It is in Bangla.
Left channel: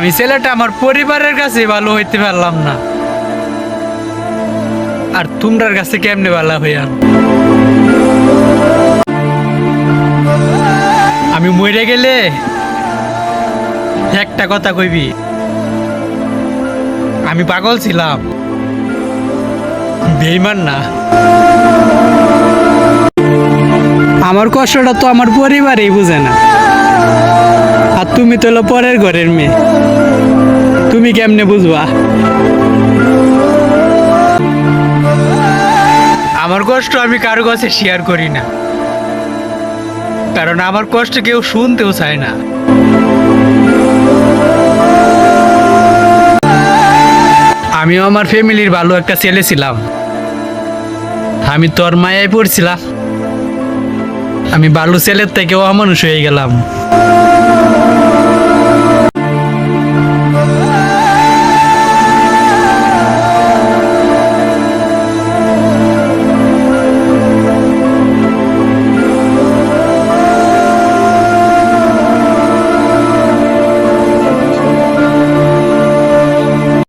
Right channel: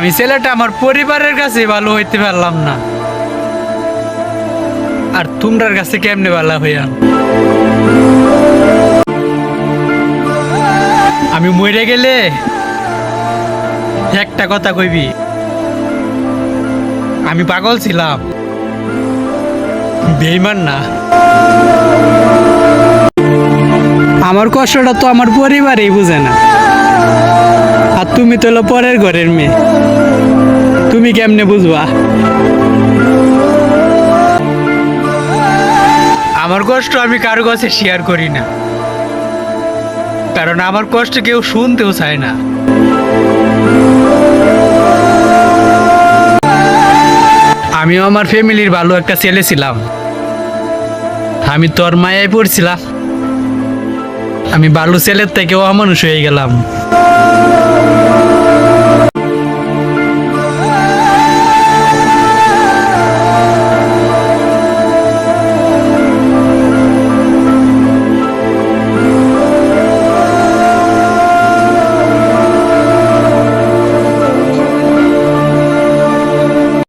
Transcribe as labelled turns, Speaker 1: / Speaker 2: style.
Speaker 1: আমি ছেলেটা আমার পরিবারের কাছে ভালো হইতে পারলাম না। আর তোমরার কাছে কেমনে ভালো হইয়াম? আমি মরে গেলে একটা কথা কইবি? আমি পাগল ছিলাম। বেইমান না। আমার কষ্টটা তো আমার পরিবারেই বুঝে না। তুমি তো হলো পরের ঘরের মেয়ে। তুমি কেমনে বুঝবা? আমার কষ্ট আমি কারও কাছে শেয়ার করি না। কারণ আমার কষ্ট কেউ শুনতেও চায় না। আমিও আমার ফ্যামিলির ভালো একটা ছেলে ছিলাম। আমি তোর মায়ায় পড়ছিলাম। আমি ভালো ছেলের থেকেও অমানুষ হয়ে গেলাম।